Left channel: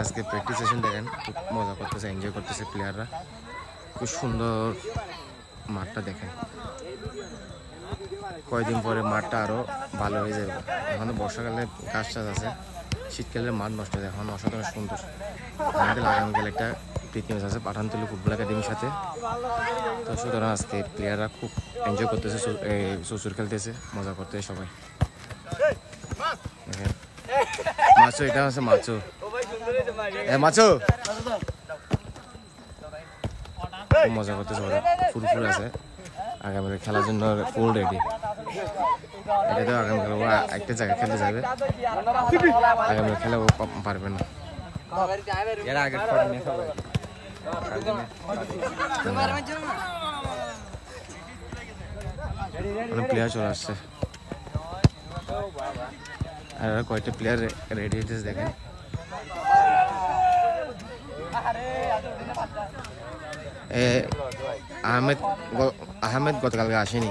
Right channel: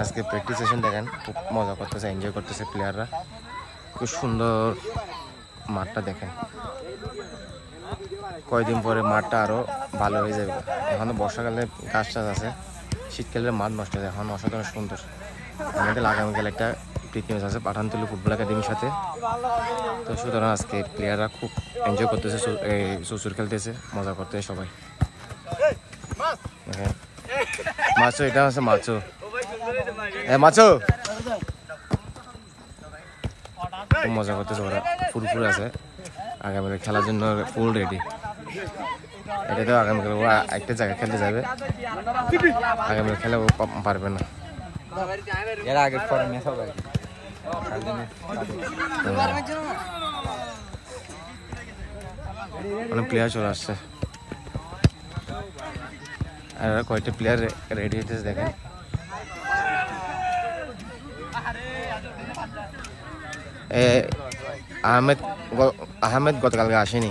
আজকে practice session দেখেন, খুব মজা করতেছে, এনজয় করতেছে প্লেয়াররা। খুব সুন্দর মাঠটা দেখেন। কয়েকদিন পরে মাঠটা আরো ভালো হয়ে যাবে। এখন তো বর্ষাকালে গাছ টাছ আছে, শীতকালে মাঠ নষ্ট হয়ে যায়। এখন অসাধারণ সুন্দর। আমাদের আগামীকাল একটা প্রীতি ম্যাচ আছে পাঠানতলী ফুটবল একাডেমির সাথে। তো সুতরাং আজকে প্লেয়াররা খুব এনজয় করতেছে, চুচুর খেলতেছে, মজা করতেছে সবাই। দেখেন মাছো, এটা হচ্ছে মাছো, মাছো খুব মজা করতেছে ওরা, ফুরফুরে আছে। আগামীকাল খেলার জন্য ফুল রেডি। এটা তো আগামীকাল ও একটা জায়গায় খেলতে যাবে, আগামীকাল খেলে ও পারবে না। অনেক প্লেয়ার চলে আসছে আর কয়েকটা প্লেয়ার রেডি হইতেছে দেখেন। আহমেদ গতকালকে আসেনি।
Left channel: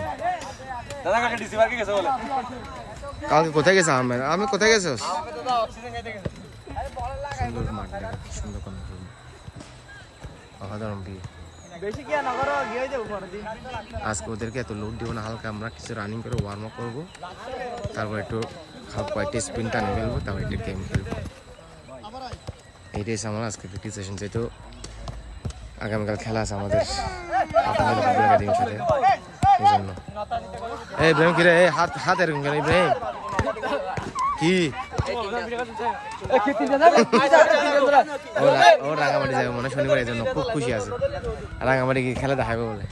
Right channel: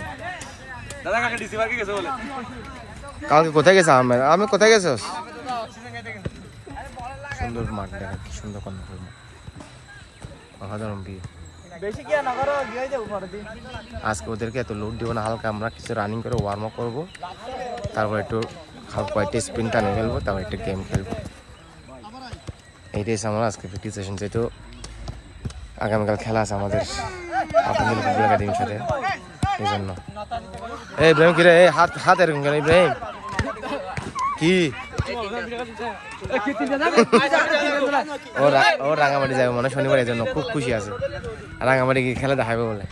কালকে কোথায় গেছে আহমেদ? আহমেদ কোথায় গেছিস? সুন্দর মাঠ দেখেন, কি সুন্দর কর্ণফুল মাঠ, অসাধারণ ভিউ। আজকে ওদেরকে এত লোড দিব না, হালকা আমরা কিছু রানিং করে ওয়ার্ম আপ করবো, তারপর একটু কয়েকটা স্পিন টানে ফেলবো, তারপর একটা গেম খেলবো। এইটাই আমার আজকে প্র্যাকটিস সেশন। যেহেতু আগামীকাল খেলা আছে আমাদের আপনাদের ফুটবল একাডেমির সাথে, এই জন্য। এই ইব্রাহিম কিরে, হাত এরকম কেন ইব্রাহিম? কি ও রাঙামাটি যাবে মানে শনিবার, এই জন্য খুব খুশি আছে। রাঙামাটি কি খেলা দেখাবে বলে।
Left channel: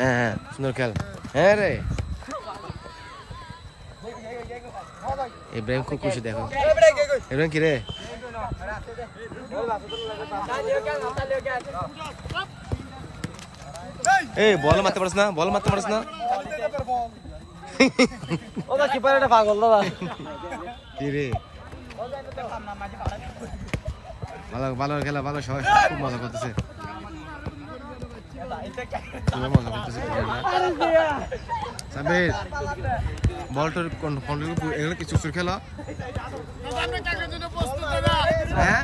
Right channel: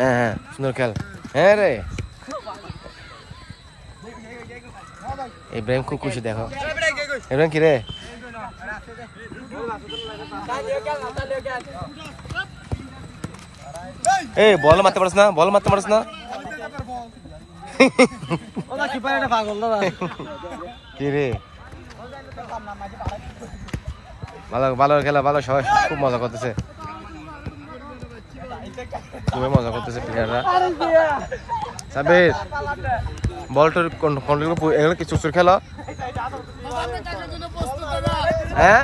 হ্যাঁ সুন্দর খেল। হ্যাঁ রে ইব্রাহিম খুব খুশি। দেখো ইব্রাহিম কি রে, এই বল মারতে পারছ না, বল মারতে পারছ না। কি রে, ভালো ভালো খেলা, ভালো, সবাই খুব মজা করতেছে, খুবই মজা করতেছে প্লেয়াররা। সাবির বলটার কন্ট্রোল এগুলো কি চুচুর খেলা? হ্যাঁ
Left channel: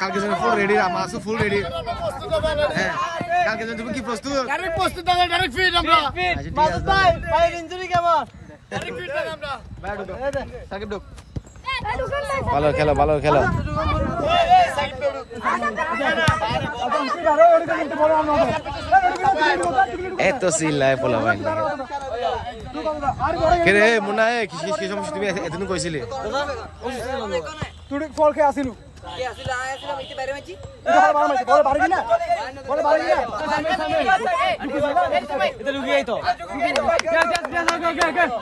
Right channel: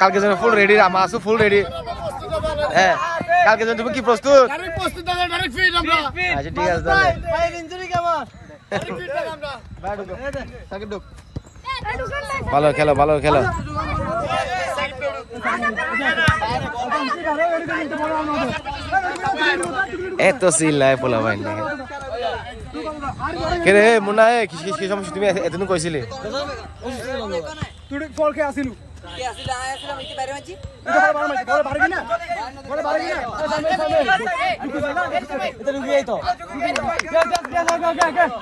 কালকে জন্য ফুল রেডি, আমার আছো ফুল রেডি। হ্যাঁ কালকে জন্য তুমি কি প্রস্তুত? আচ্ছা ঠিক আছে। ভালো খেলো, ভালো খেলো। এত সিল নাই পোলা ভাই। কে রে মুন্না, কি সমস্যা? তুমি এতদিন কইছিলে